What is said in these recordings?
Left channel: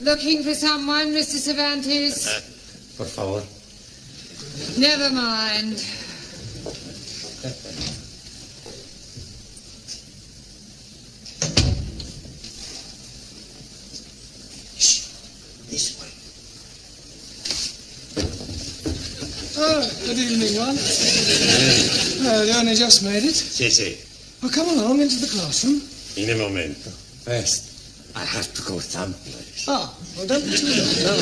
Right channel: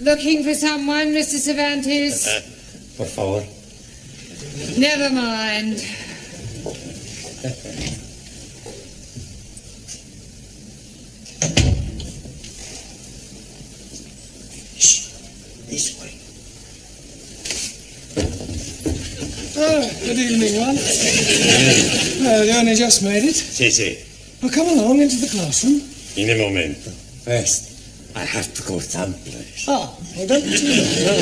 Looking for someone, Mr. Cervantes? Por favor. Never mind. This way. Oh, good evening, one. You only just made it? Sí. Well, come along into the classroom. In a momento. First, I have to go someplace. Ah, well, don't be too late. No.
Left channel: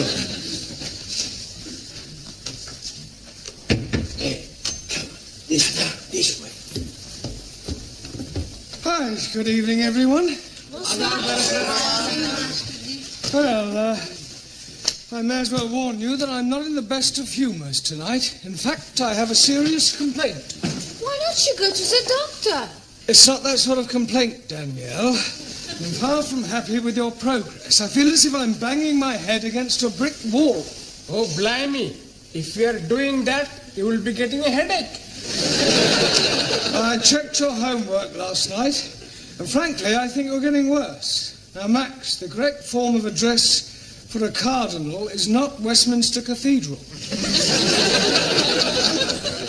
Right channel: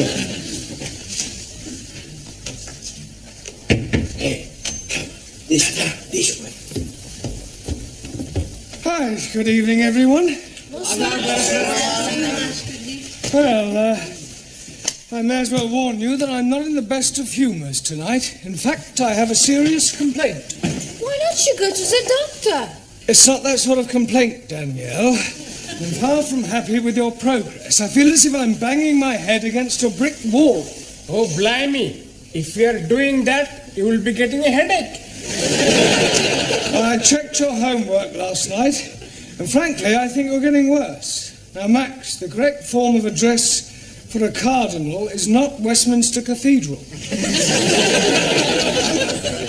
Hey, come on. This way. Hi, good evening, everyone. Well, I may as well warn you that I'm not in the best of humours tonight. In fact, I have a serious complaint. Why don't you go to the doctor? It's not that sort of complaint, Danielle. I'm far from happy with your progress. I feel as if I'm banging my head against a brick wall. Oh, blimey. If you are doing that, you will be getting a headache. I checked your homework last night, and frankly, I think you're getting worse. Now, Max, the correct form of address for a cardinal is not Westminster Cathedral.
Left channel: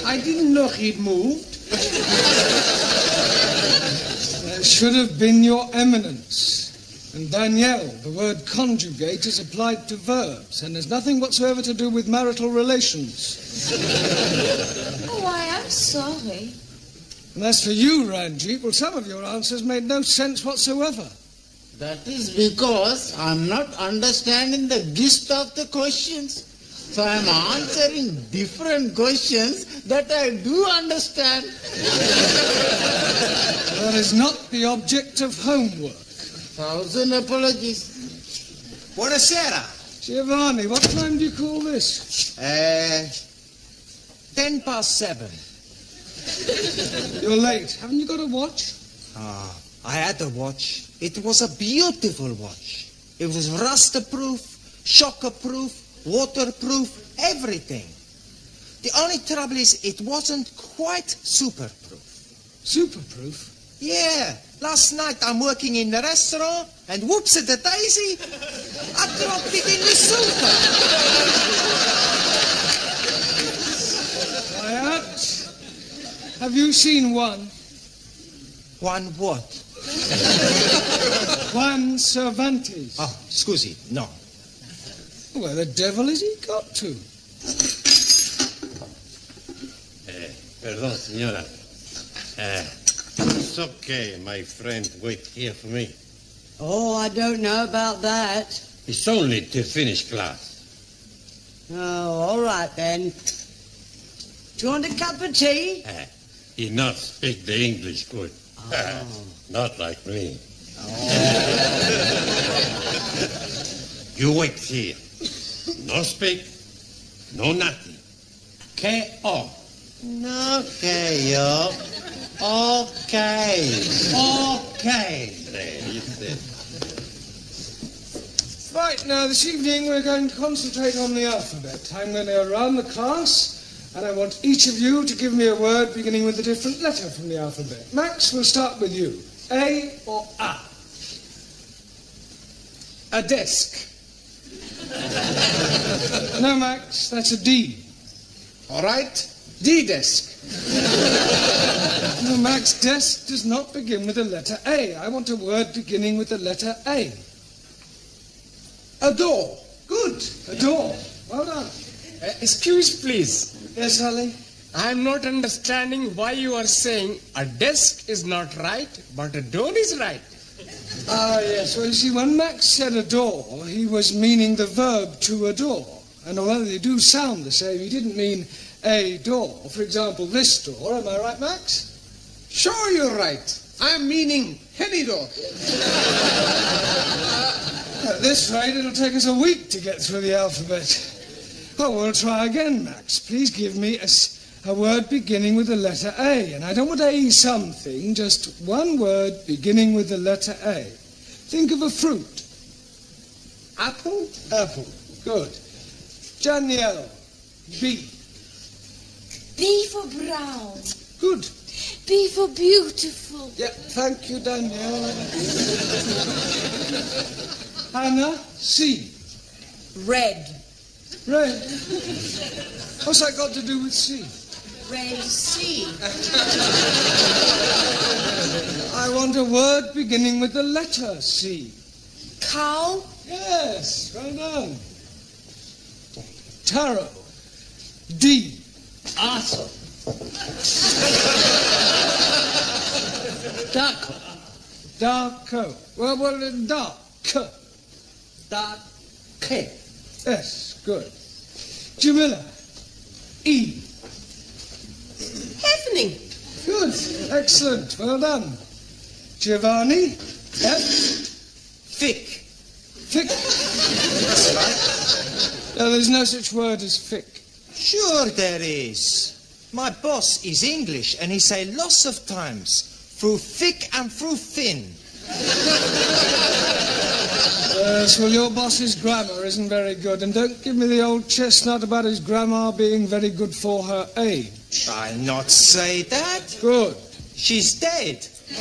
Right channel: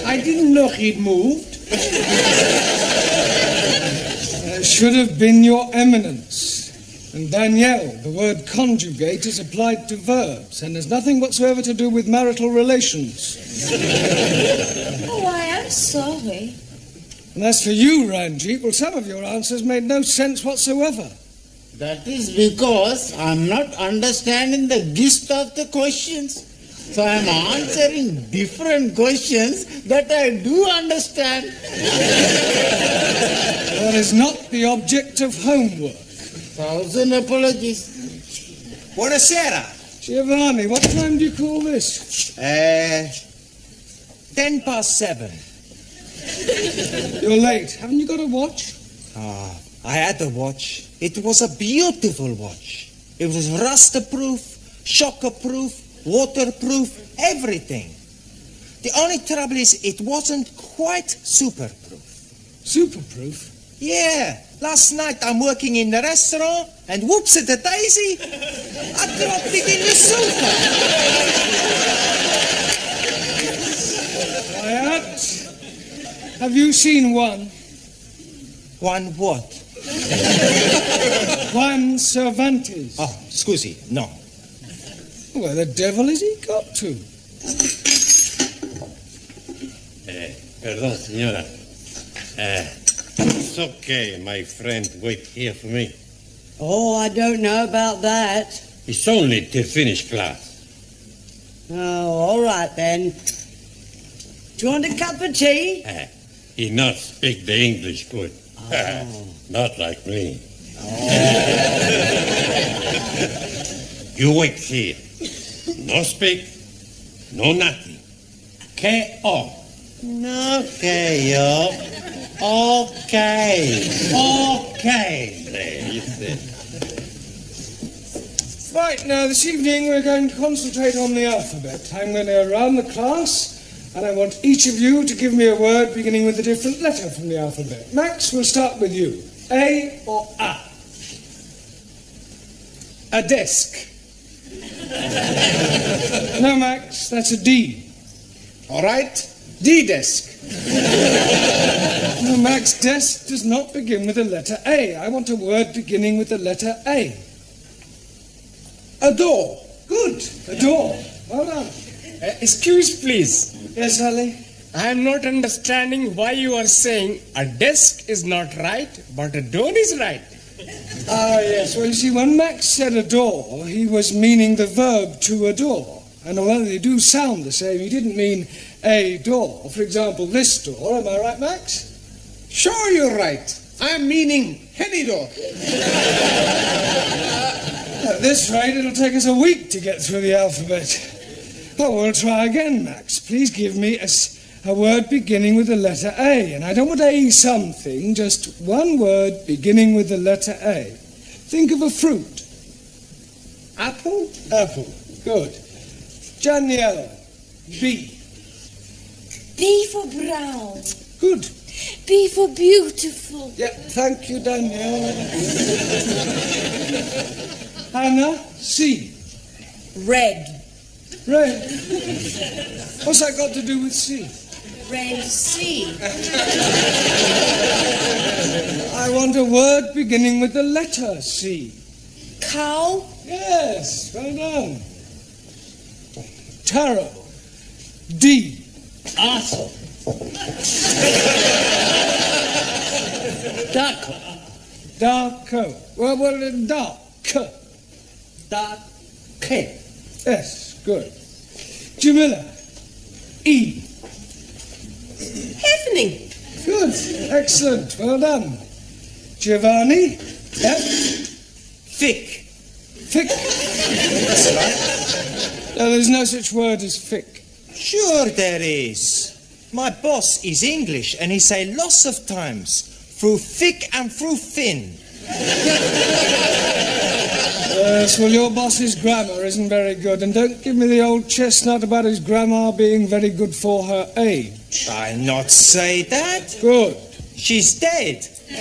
I didn't know he'd moved. It should have been your eminence. And Danielle, the word conjugate is applied to verbs and has nothing whatsoever to do with marital relations. Oh, I am sorry. And as for you, Ranjeet, well, some of your answers made no sense whatsoever. That is because I'm not understanding the gist of the questions. So I'm answering different questions that I do understand. That is not the object of homework. 1,000 apologies. Buonasera. Giovanni, what time do you call this? 7:10. You're late. Haven't you got a watch? I had a watch. It was a beautiful watch. It was rust-proof, shock-proof, waterproof, everything. The only trouble is it wasn't quite super-proof. Superproof? Yeah. Last night I'm working in the restaurant and whoops-a-daisy, I dropped it in the sofa. Quiet. Have you seen one? One what? Juan Cervantes. Oh, scusi, no. Where the devil has he got to? Perdón, señora. It's okay, my friend. Wait here for me. Oh, I don't know about that. It's only to finish class. Oh, all right then. Do you want a cup of tea? He not speak the English good. Oh. Not like me. You wait here. No speak, no nothing. K.O. Okay, yo. Okay. There, you see. Right, now this evening we're going to concentrate on the alphabet. I'm going to go around the class and I want each of you to give me a word beginning with a different letter from the alphabet. Max, we'll start with you. A or A? A desk. No, Max, that's a D. All right. D-desk. No, Max, desk does not begin with the letter A. I want a word beginning with the letter A. A door. Good. A door. Well done. Excuse, please. Yes, Ali? I am not understanding why you are saying a desk is not right, but a door is right. Ah, yes. Well, you see, when Max said adore, he was meaning the verb to adore. And although they do sound the same, he didn't mean a door. For example, this door. Am I right, Max? Sure, you're right. I'm meaning any door. At this rate, it'll take us a week to get through the alphabet. Oh, we'll try again, Max. Please give me a word beginning with the letter A. And I don't want A something, just one word beginning with the letter A. Think of a fruit. Apple? Apple. Good. Danielle. B. B for brown. Good. B for beautiful. Yeah, thank you, Danielle. Hannah. C. Red. Red. What's that got to do with sea? Red sea. I want a word beginning with the letter C. Cow. Yes, well done. Tarot. D. Awesome. Duck. Darko. Well, dark. Duck. K. Yes, good. Jamila. E. Evening. Good. Excellent. Well done. Giovanni. F. Thick. Thick. That's right. No, there's no such word as thick. Sure there is. My boss is English and he say lots of times through thick and through thin. Yes, well, your boss's grammar isn't very good, and don't give me the old chestnut about his grandma being very good for her age. I'll not say that. Good. She's dead. Quiet,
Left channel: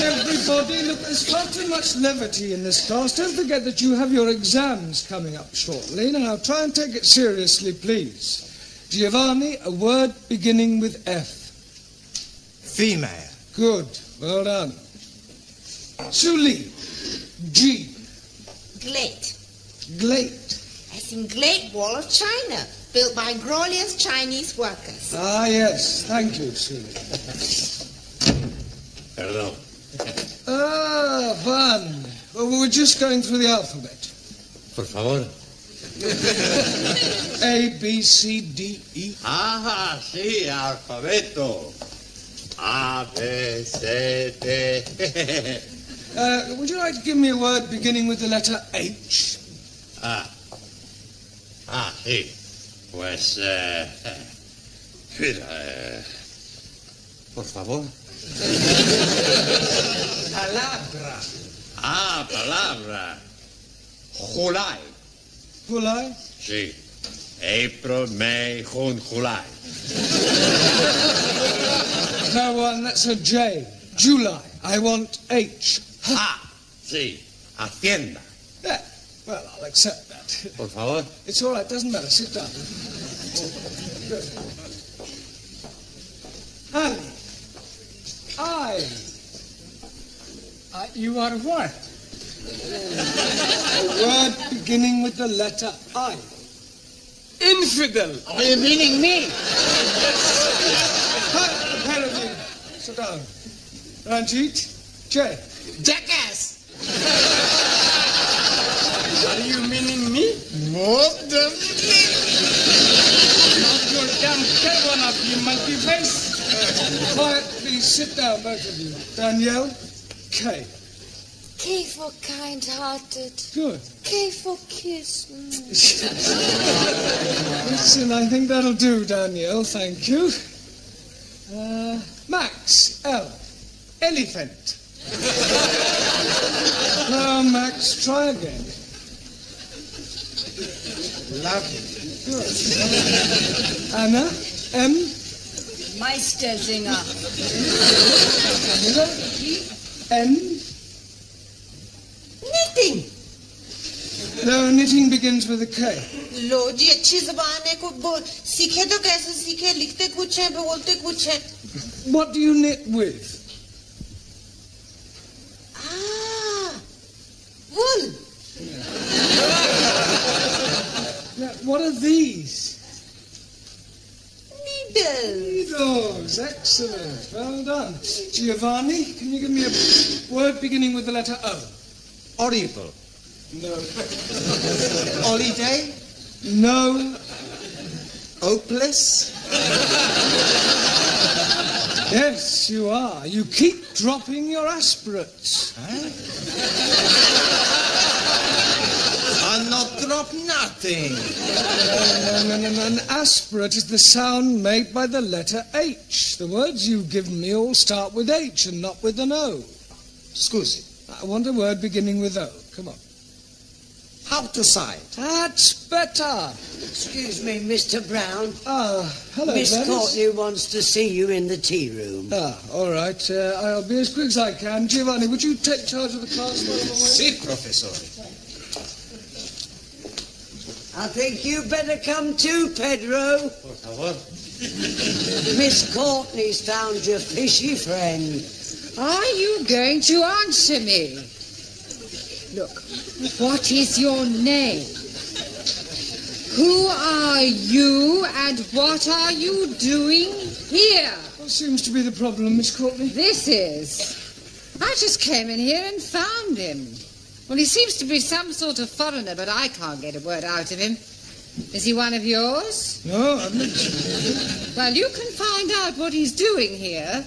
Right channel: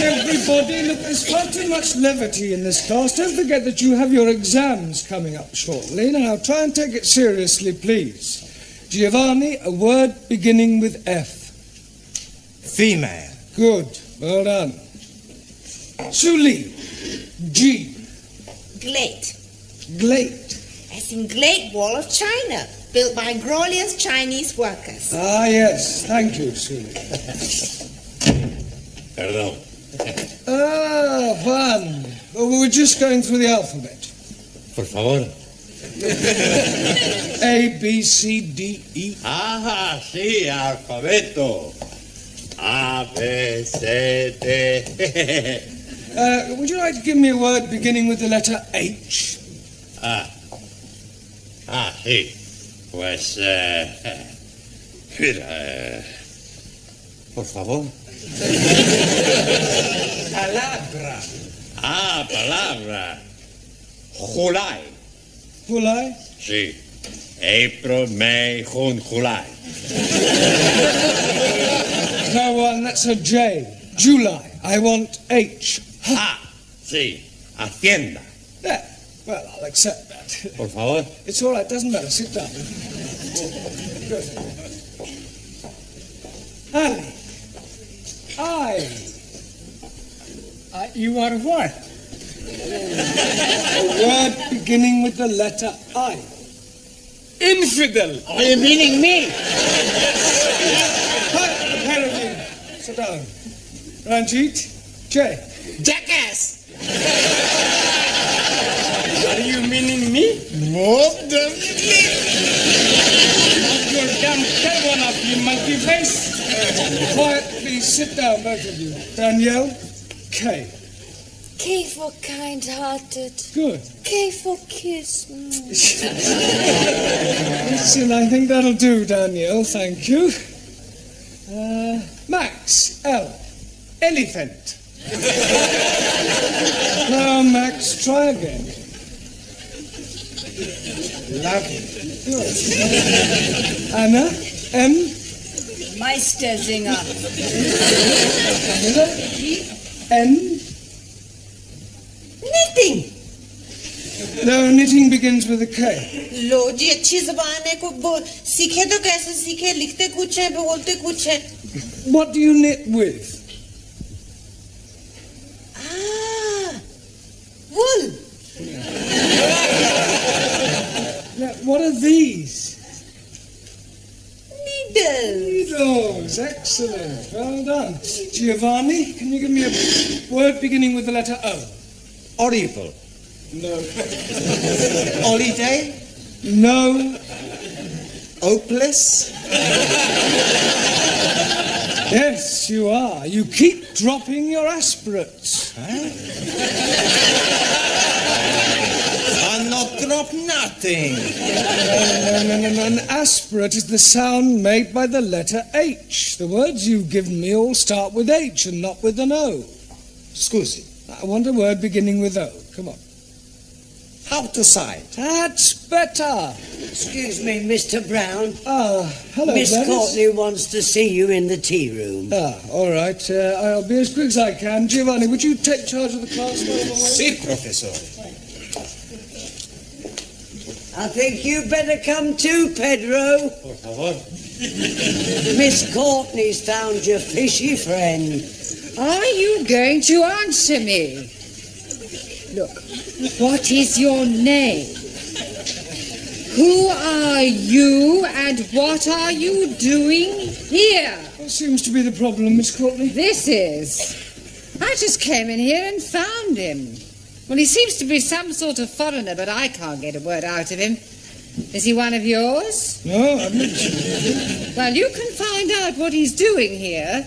everybody. Look, there's far too much levity in this class. Don't forget that you have your exams coming up shortly. Now, try and take it seriously, please. Giovanni, a word beginning with F. Female. Good. Well done. Suli. G. Great. Great. As in Great Wall of China, built by glorious Chinese workers. Ah, yes. Thank you, Suli. Perdón. Ah, fun. Well, we were just going through the alphabet. Por favor. A, B, C, D, E. Ah, sí, alfabeto. A, B, C, D. Would you like to give me a word beginning with the letter H? Sí. Pues, mira, por favor. Palabra. Palabra. July. July? Sí. April, May, June, July. No one, that's a J. July. I want H. Sí. Hacienda. Yeah, well, I'll accept that. Por favor. It's all right, doesn't matter. Sit down. Good. Ali. I. You are what? A word beginning with the letter I. Infidel. Are you meaning me? Apparently. Sit down. Ranjeet. J. Jackass. Are you meaning me? Most definitely. Not your damn tail one of you monkey face. Quiet, please. Sit down, both of you. Danielle. K. K for kind-hearted. Good. K for kiss. Listen, I think that'll do, Danielle. Thank you. Max. L. Elephant. Now, Max, try again. Lovely. Good. Anna. M. Meistersinger. N. Knitting. No, knitting begins with a K. लो जी अच्छी जबान है को सीखे तो कैसे सीखे लिखते कुछ है बोलते कुछ है. What do you knit with? Wool. Now, what are these? Needles. Needles. Excellent. Well done. Giovanni, can you give me a word beginning with the letter O? Horrible. No. Holiday. No. Hopeless. Yes, you are. You keep dropping your aspirates. I'll not drop nothing. No. An aspirate is the sound made by the letter H. The words you've given me all start with H and not with an O. Scusi. I want a word beginning with O. Come on. Outside. That's better. Excuse me, Mr. Brown. Hello, Miss Gladys. Courtney wants to see you in the tea room. All right. I'll be as quick as I can. Giovanni, would you take charge of the class while I'm away? Si, professore. I think you better come too, Pedro. Por favor. Miss Courtney's found your fishy friend. Are you going to answer me? Look, what is your name? Who are you and what are you doing here? What seems to be the problem, Miss Courtney? This is. I just came in here and found him. Well, he seems to be some sort of foreigner, but I can't get a word out of him. Is he one of yours? No, I'm not. Well, you can find out what he's doing here.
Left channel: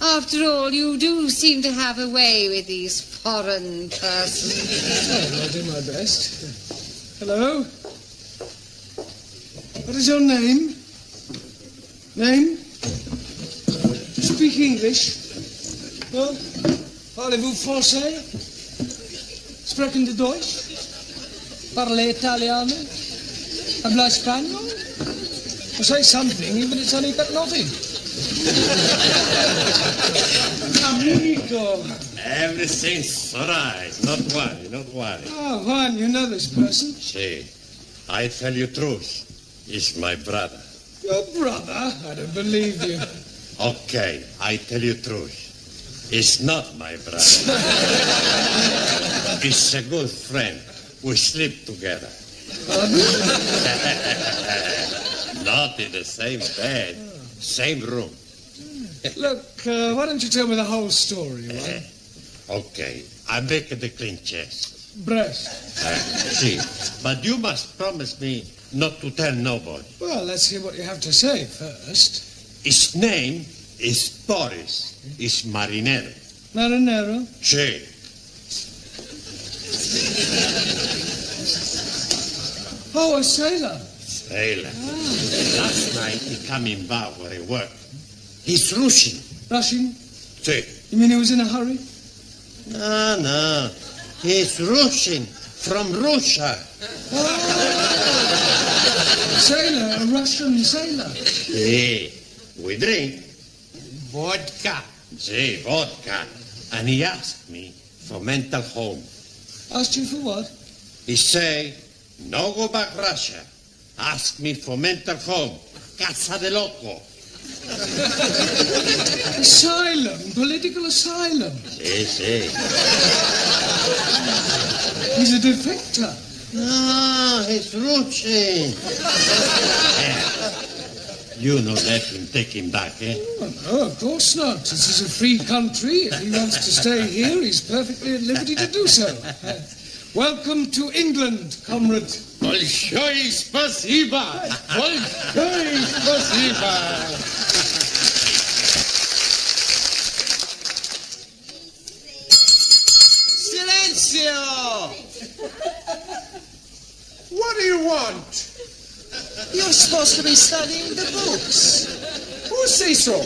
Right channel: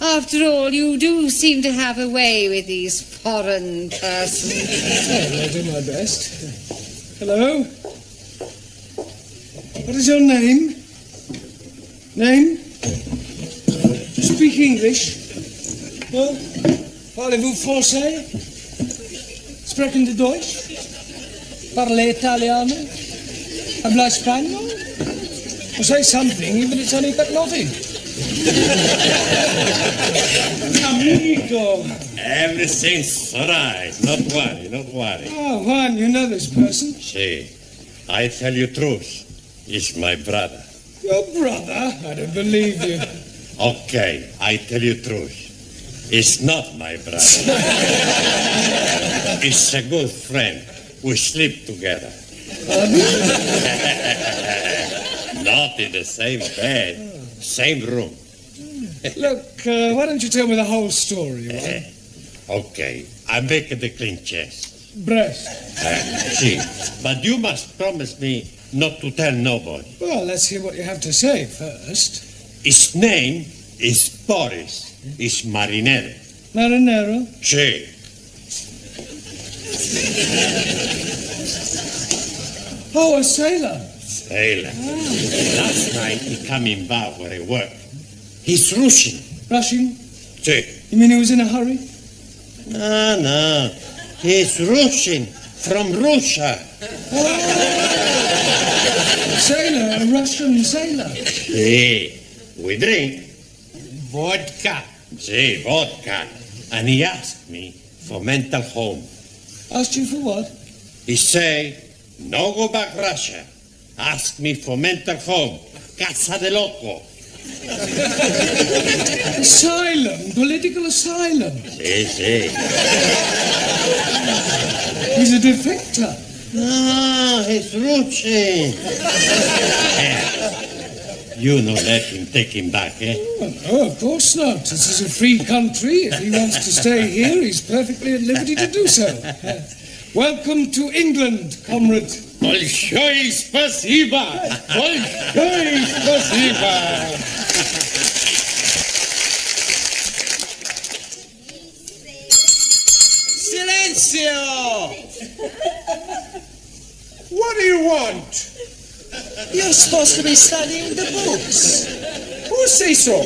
After all, you do seem to have a way with these foreign persons. Oh, I'll do my best. Hello? What is your name? Name? Speak English? No? Parlez-vous français? Sprechen de Deutsch? Parle Italiano? Habla Español? Well, say something, even if it's only but nothing. Amigo. Everything's all right. Not worry, not worry. Oh, Juan, you know this person? See, I tell you truth. He's my brother. Your brother? I don't believe you. Okay, I tell you truth. He's not my brother. He's a good friend. We sleep together. Not in the same bed, same room. Look, why don't you tell me the whole story, Juan? Okay, I make the clean chest. Breast. See, but you must promise me not to tell nobody. Well, let's hear what you have to say first. His name is Boris. He's marinero. Marinero? Sí. Oh, a sailor. Sailor. Last night he come in bar where he work. He's Russian. Russian? Sí. You mean he was in a hurry? No. He's Russian. From Russia. Sailor, a Russian sailor. Sí. We drink vodka. Sí, vodka. And he asked me for mental home. Asked you for what? He say, no go back Russia. Ask me for mental home. Casa de loco. Asylum, political asylum. Sí. He's a defector. No, he's Russian. You no let him take him back, eh? Oh, no, of course not. This is a free country. If he wants to stay here, he's perfectly at liberty to do so. Welcome to England, comrade. Большое спасибо! Большое спасибо! Silencio! What do you want? You're supposed to be studying the books. Who say so?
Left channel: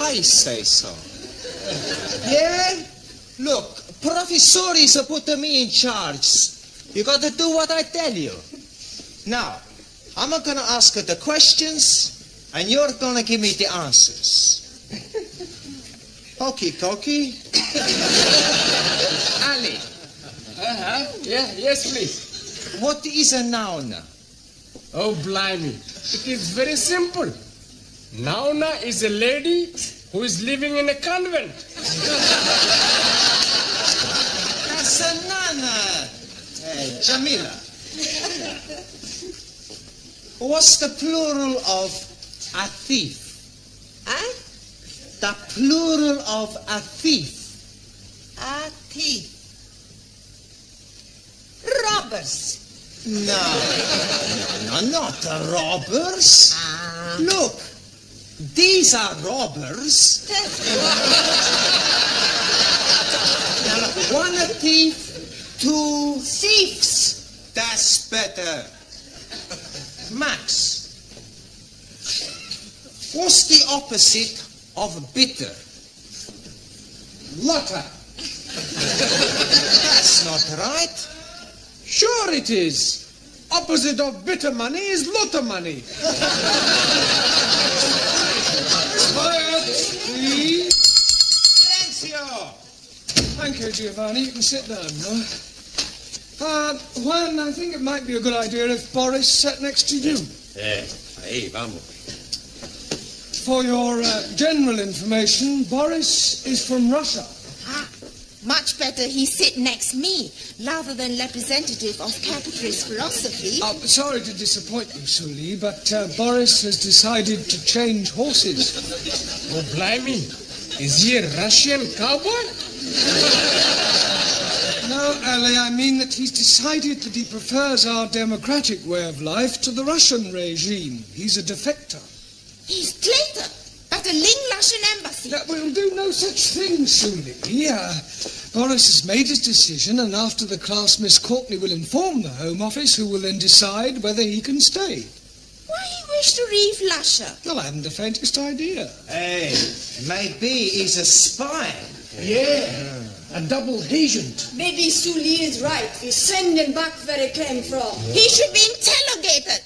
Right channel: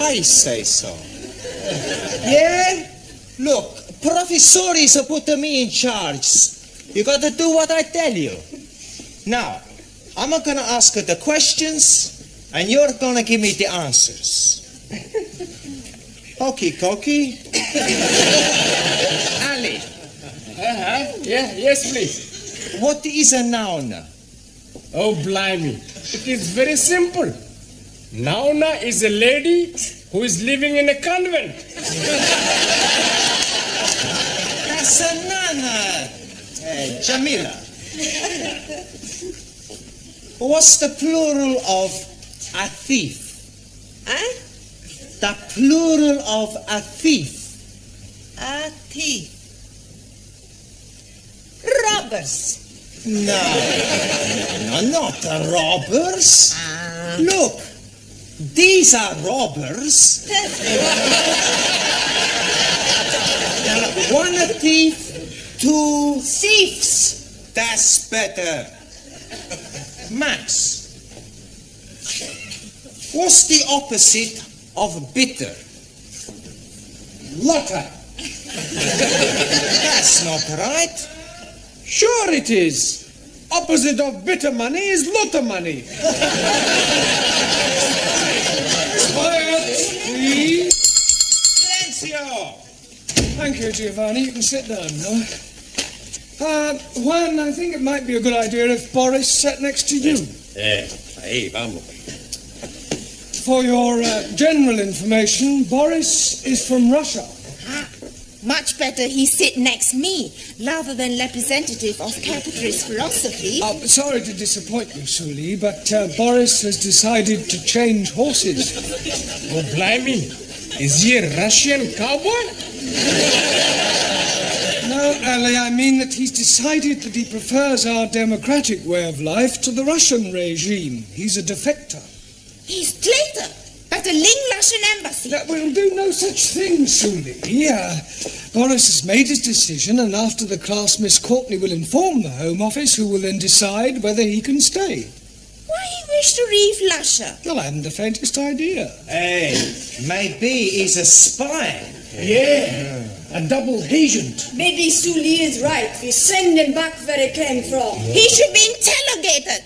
I say so. Yeah? Look, professores are putting me in charge. You got to do what I tell you. Now, I'm going to ask you the questions, and you're going to give me the answers. Okie dokie. Ali. Yes, please. What is a noun? Oh, blimey. It is very simple. Nauna is a lady who is living in a convent. That's a nana. Jamila. What's the plural of a thief? Huh? The plural of a thief. A thief. Robbers. No, not robbers. Look, these are robbers. One a thief, two Thieves. That's better. Max, what's the opposite of bitter? Lotter. That's not right. Sure it is. Opposite of bitter money is lotter money. Quiet, please. Silencio! Thank you, Giovanni. You can sit down now. Juan, I think it might be a good idea if Boris sat next to you. Ahí vamos. For your general information, Boris is from Russia. Much better he sit next me, rather than representative of capitalist philosophy. Sorry to disappoint you, Suli, but Boris has decided to change horses. Oh, blimey. Is he a Russian cowboy? No, Ali, I mean that he's decided that he prefers our democratic way of life to the Russian regime. He's a defector. He's traitor, but a Ling Russian embassy. We'll do no such thing, Suli. Boris has made his decision, and after the class, Miss Courtney will inform the Home Office, who will then decide whether he can stay. Why he wish to leave Russia? Well, I haven't the faintest idea. Hey, maybe he's a spy. Yeah, a double agent. Maybe Suli is right. We send him back where he came from. He should be interrogated.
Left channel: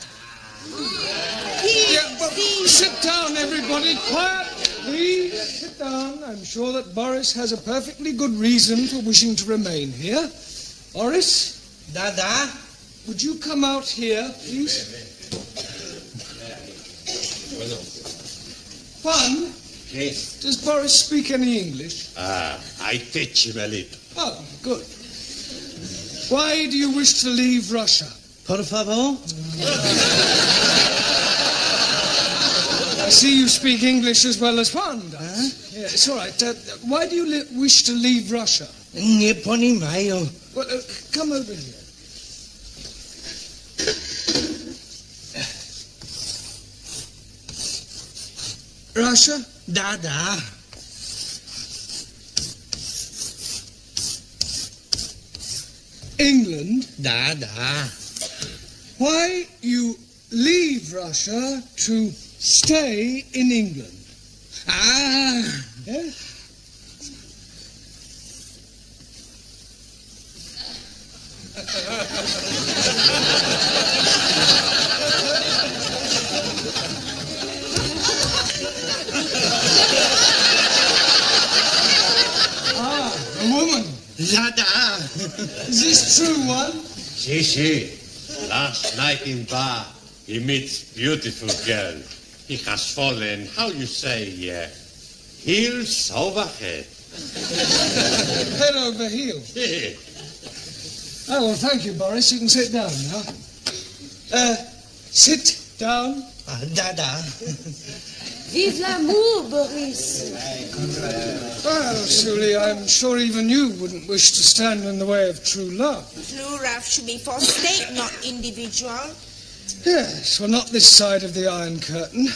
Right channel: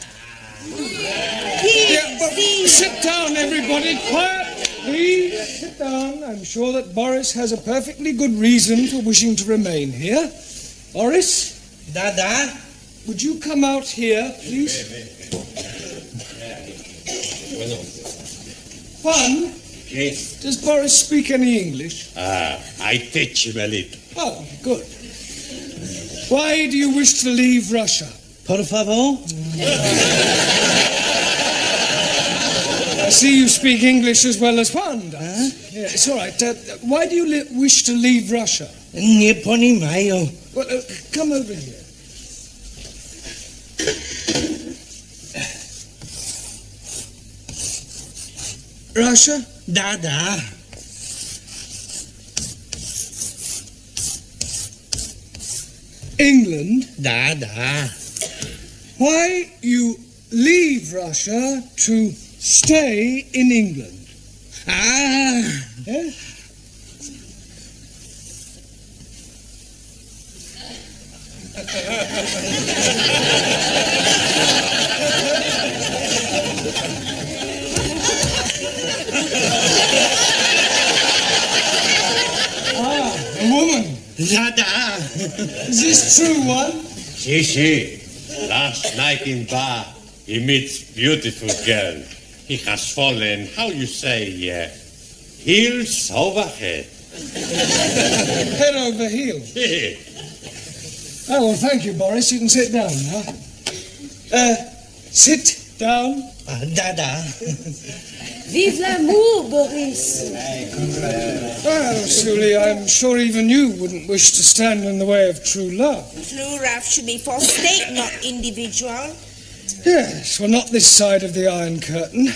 Sit down, everybody. Quiet, please. Sit down. I'm sure that Boris has a perfectly good reason for wishing to remain here. Boris? Dada? Would you come out here, please? Juan? Yes. Does Boris speak any English? I teach him a little. Oh, good. Why do you wish to leave Russia? Por favor? I see you speak English as well as Juan does. Yeah, it's all right. Why do you wish to leave Russia? Nie poнимаю. Well, come over here. Russia? Dada. England? Dada. Why you leave Russia to stay in England? Yeah? A woman. Dada. Is this true, one? Si. Last night in bar, he meets beautiful girl. He has fallen, how you say, heels over head. Head over heels. Yeah. Oh, well, thank you, Boris. You can sit down now. Sit down. Dada. Vive l'amour, Boris. Well, Suli, I'm sure even you wouldn't wish to stand in the way of true love. True love should be for state, not individual. Yes, well, not this side of the Iron Curtain.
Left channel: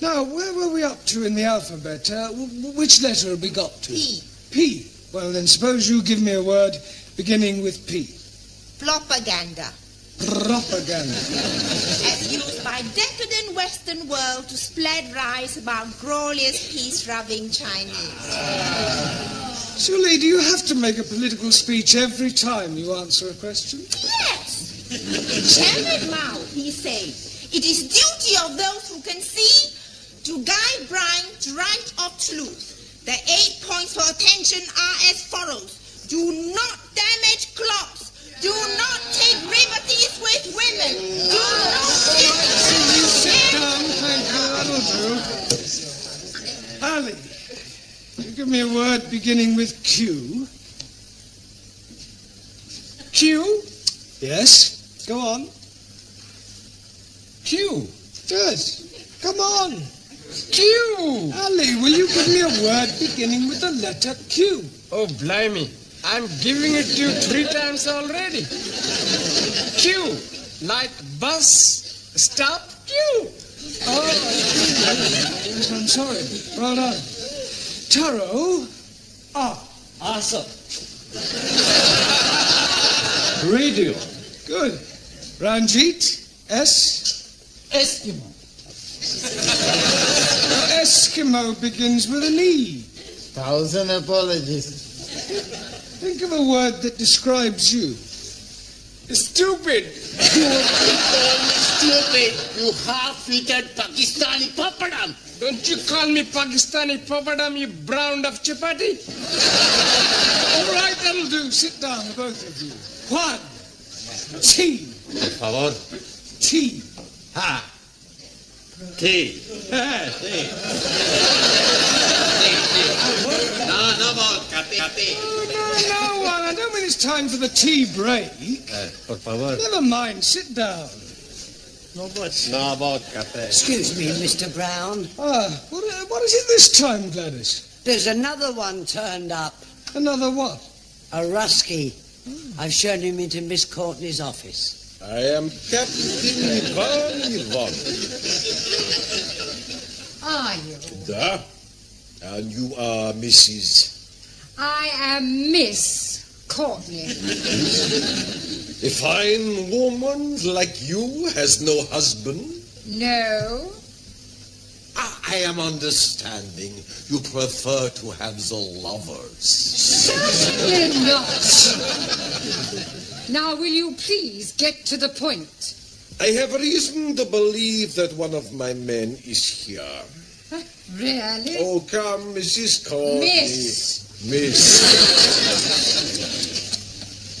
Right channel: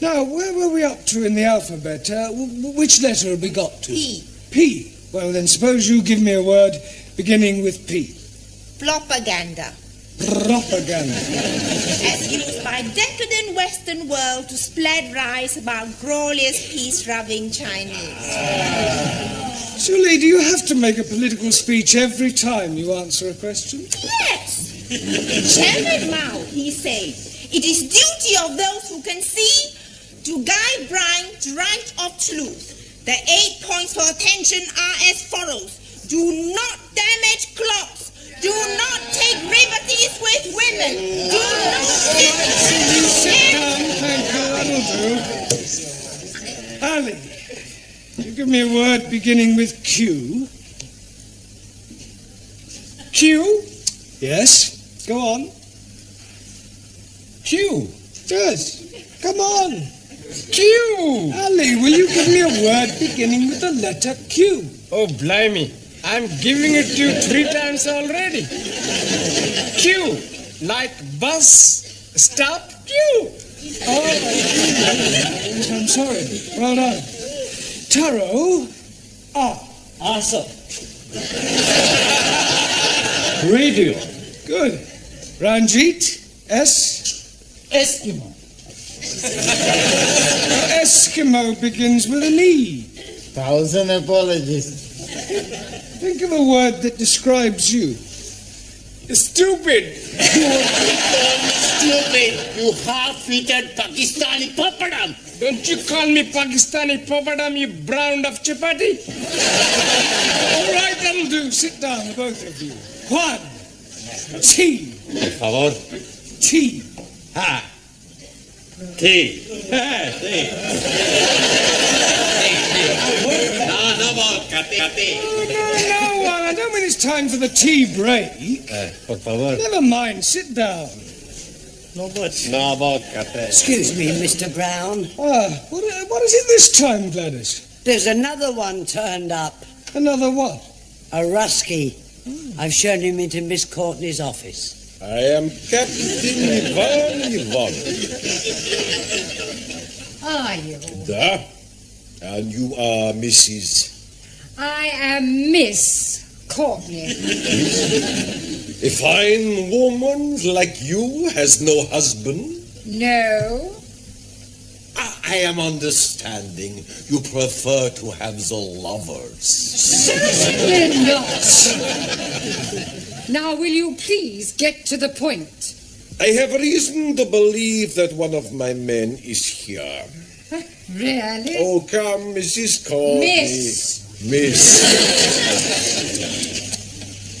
Now, where were we up to in the alphabet? Which letter have we got to? P. P. Well, then suppose you give me a word beginning with P. Propaganda. Propaganda. As used by decadent Western world to spread lies about glorious peace-loving Chinese. Suli, do you have to make a political speech every time you answer a question? Yes. Chairman Mao, he said, it is duty of those who can see to guide blind to right of truth. The 8 points for attention are as follows. Do not damage crops. Do not take liberties with women. Do not Sit down, thank you, that'll do. Ali, you give me a word beginning with Q. Q? Yes, go on. Q? Yes, come on. Q! Ali, will you give me a word beginning with the letter Q? Oh, blimey. I'm giving it to you 3 times already. Q, like bus, stop, Q. Oh, yes, I'm sorry. Well done. Taro, R. Awesome. Radio. Good. Ranjeet, S. Eskimo. Eskimo begins with an E. 1,000 apologies. Think of a word that describes you. Stupid. Stupid, you half-eaten Pakistani papadam. Don't you call me Pakistani papadam, you brown of chapati. All right, that'll do. Sit down, the both of you. Juan, Tea. Por favor. Tea. Ah. Tea. Tea. No vodka, tea. No, I don't mean it's time for the tea break. Por favor. Never mind, sit down. No vodka, tea. Excuse me, Mr. Brown. What is it this time, Gladys? There's another one turned up. Another what? A Rusky. I've shown him into Miss Courtney's office. I am Captain Ivan. Are you? Da. And you are Mrs. I am Miss Courtney. A fine woman like you has no husband? No. I am understanding you prefer to have the lovers. Certainly not. Now, will you please get to the point? I have reason to believe that one of my men is here. Really? Oh, come, Mrs. Courtney. Miss.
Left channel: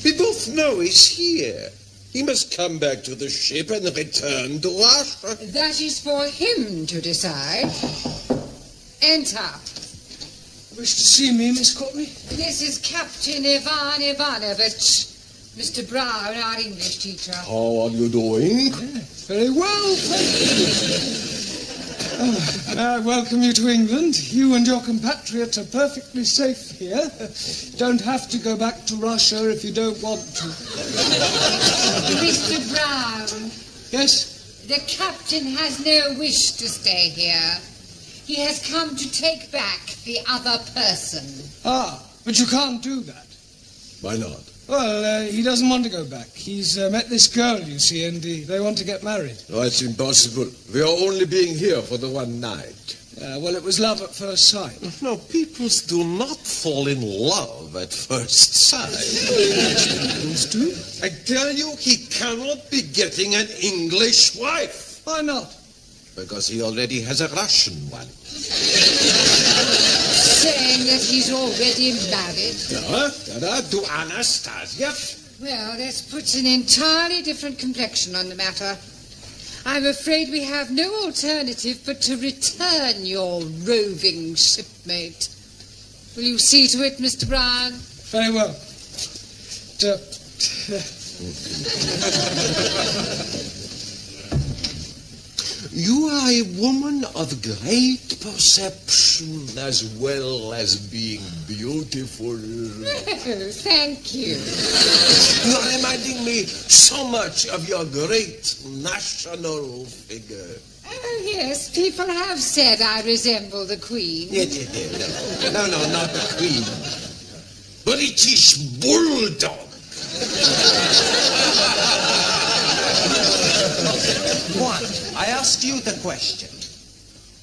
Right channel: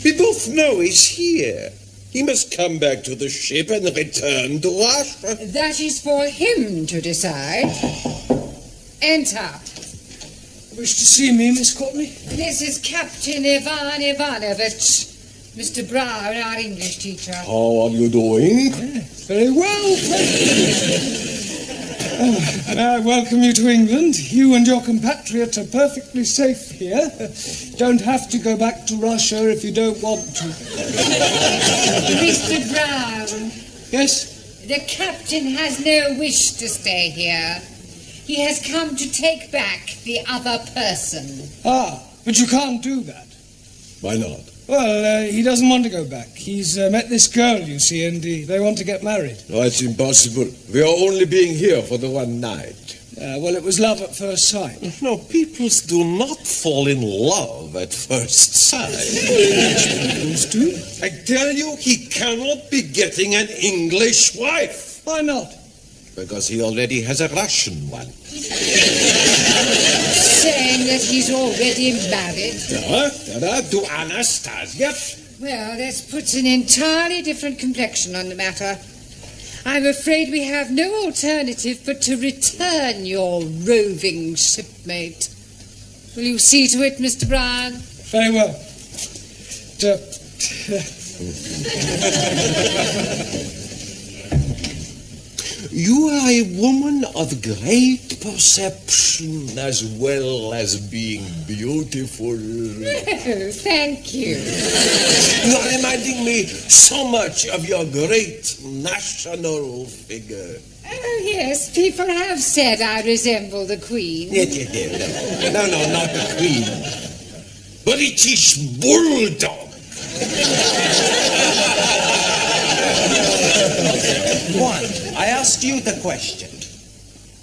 We both know he's here. He must come back to the ship and return to Russia. That is for him to decide. Enter. Wish to see me, Miss Courtney? This is Captain Ivan Ivanovich. Mr. Brown, our English teacher. How are you doing? Very well, thank you. I welcome you to England. You and your compatriots are perfectly safe here. Don't have to go back to Russia if you don't want to. Mr. Brown. Yes? The captain has no wish to stay here. He has come to take back the other person. But you can't do that. Why not? Well, he doesn't want to go back. He's met this girl, you see, and they want to get married. No, it's impossible. We are only being here for the one night. Well, it was love at first sight. No, people do not fall in love at first sight. Peoples do. I tell you, he cannot be getting an English wife. Why not? Because he already has a Russian one. Saying that he's already married? To Anastasia. Well, this puts an entirely different complexion on the matter. I'm afraid we have no alternative but to return your roving shipmate. Will you see to it, Mr. Brown? Very well. You are a woman of great perception as well as being beautiful. Oh, thank you. You are reminding me so much of your great national figure. Oh, yes, people have said I resemble the Queen. No, not the Queen. British Bulldog. Juan, I ask you the question.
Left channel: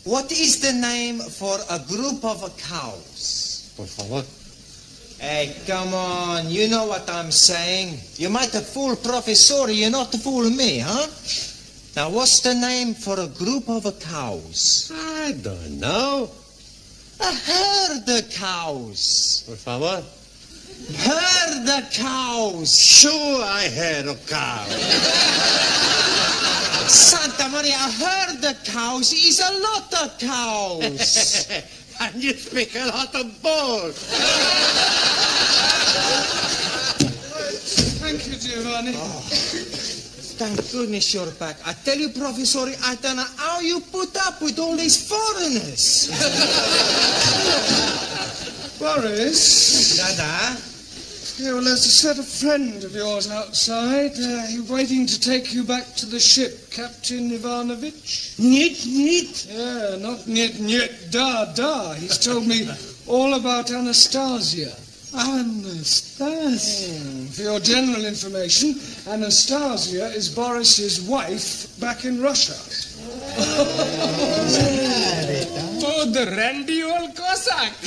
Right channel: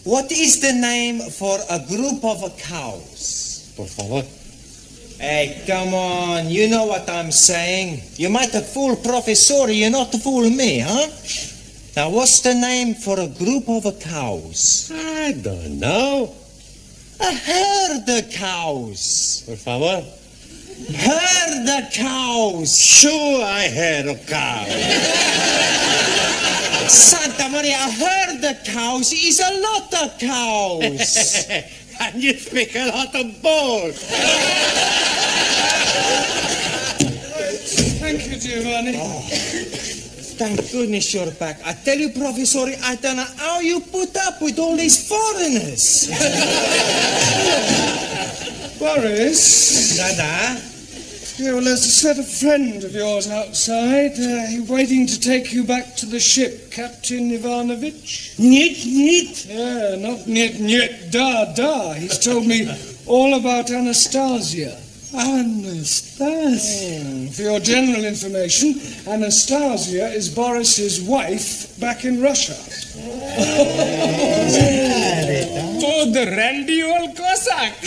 What is the name for a group of cows? Por favor. Hey, come on. You know what I'm saying. You might have fooled Professor, you not fool me, huh? Now, what's the name for a group of cows? I don't know. A herd of cows. Por favor. Herd of cows. Sure, I heard of cow. Santa Maria, a herd of cows is a lot of cows. And you speak a lot of balls. Thank you, Giovanni. Thank goodness you're back. I tell you, Professor, I don't know how you put up with all these foreigners. Boris? Dada? Yeah, well, there's a certain friend of yours outside. He's waiting to take you back to the ship, Captain Ivanovich. Niet. Yeah, not niet, da. He's told me all about Anastasia. Anastasia. For your general information, Anastasia is Boris's wife back in Russia. Oh, the randy old Cossack.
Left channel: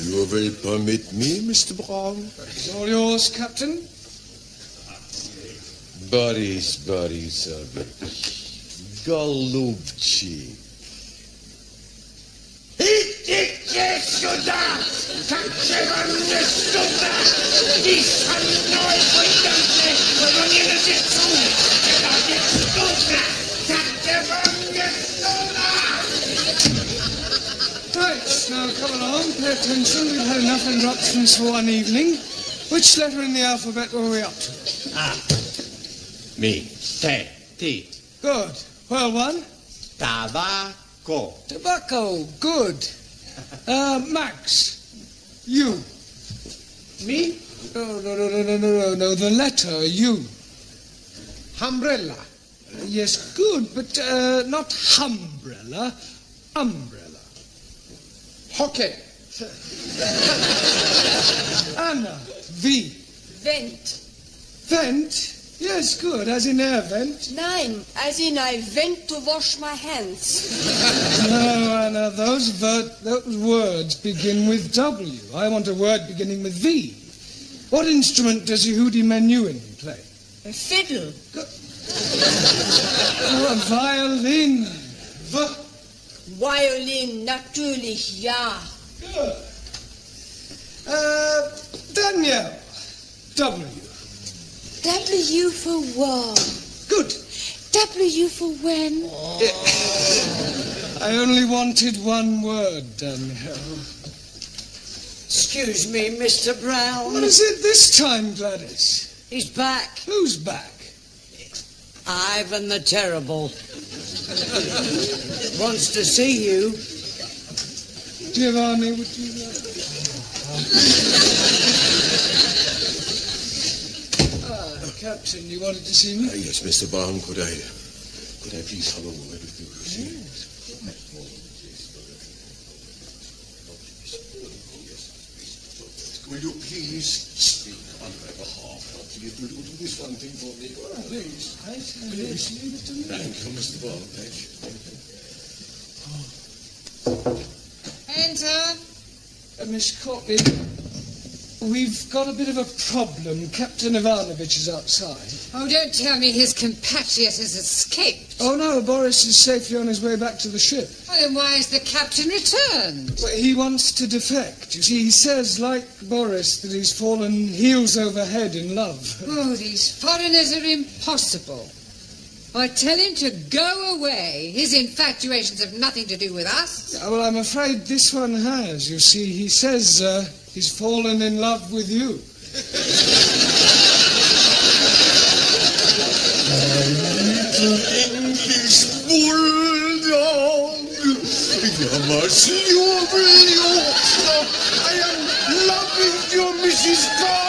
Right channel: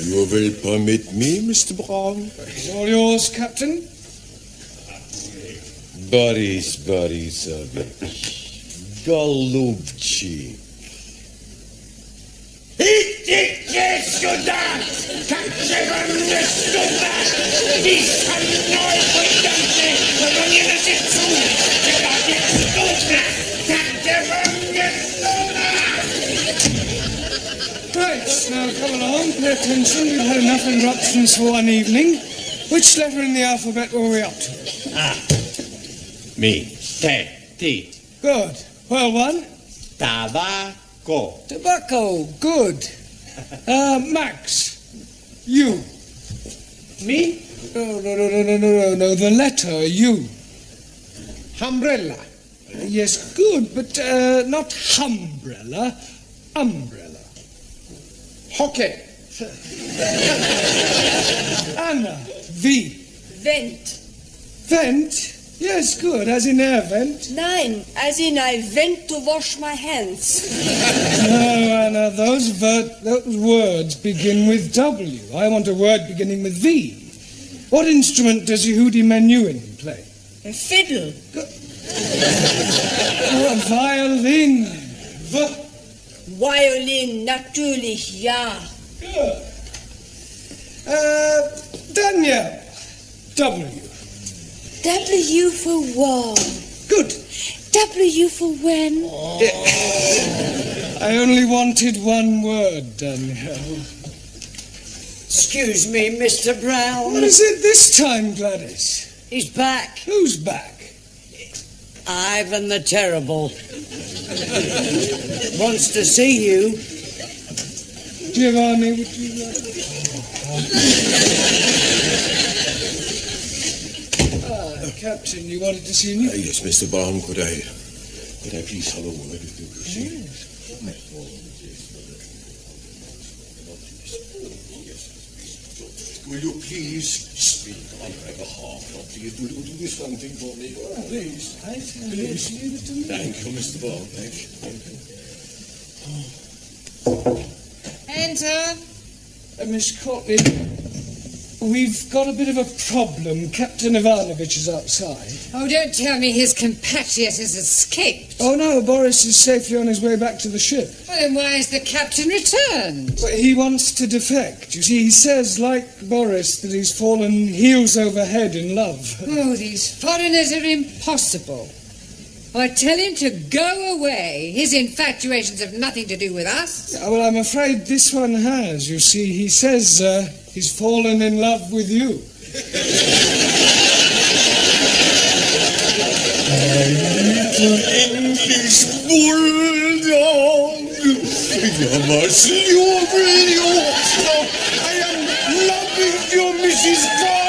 You will permit me, Mr. Brown? It's all yours, Captain. Boris Borisovich. Golubчик. Right, now come along, pay attention. We've had enough interruptions for one evening. Which letter in the alphabet were we up to? Me. T. Good. Well, one. Tabaco. Tobacco. Good. Max. U. Me? No. The letter U. Umbrella. Yes, good, but not umbrella. Umbrella. Hockey. Anna. V. Vent. Vent? Yes, good, as in air vent. Nein, as in I went to wash my hands. No, Anna, those words begin with W. I want a word beginning with V. What instrument does Yehudi Menuhin play? A fiddle. A violin. Violin, natürlich, ja. Good. Danielle. W. W for war. Good. W for when? I only wanted one word, Danielle. Excuse me, Mr. Brown. What is it this time, Gladys? He's back. Who's back? Ivan the Terrible. Wants to see you. Giovanni, would you like... Captain, you wanted to see me? Yes, Mr. Brown, could I please have a word with you? Yes. Will you please speak on my behalf? Please, will you do this one thing for me? Please. Please. Leave it to me. Thank you, Mr. Brown. Thank you. Enter. Miss Courtney, we've got a bit of a problem. Captain Ivanovich is outside. Oh, don't tell me his compatriot has escaped. Oh, no, Boris is safely on his way back to the ship. Well, then why has the captain returned? Well, he wants to defect. You see, he says, like Boris, that he's fallen heels over head in love. Oh, these foreigners are impossible. I tell him to go away. His infatuations have nothing to do with us. Yeah, well, I'm afraid this one has. You see, he says he's fallen in love with you. Little English bulldog. You're my silver. I am loving you, Mrs. Courtney.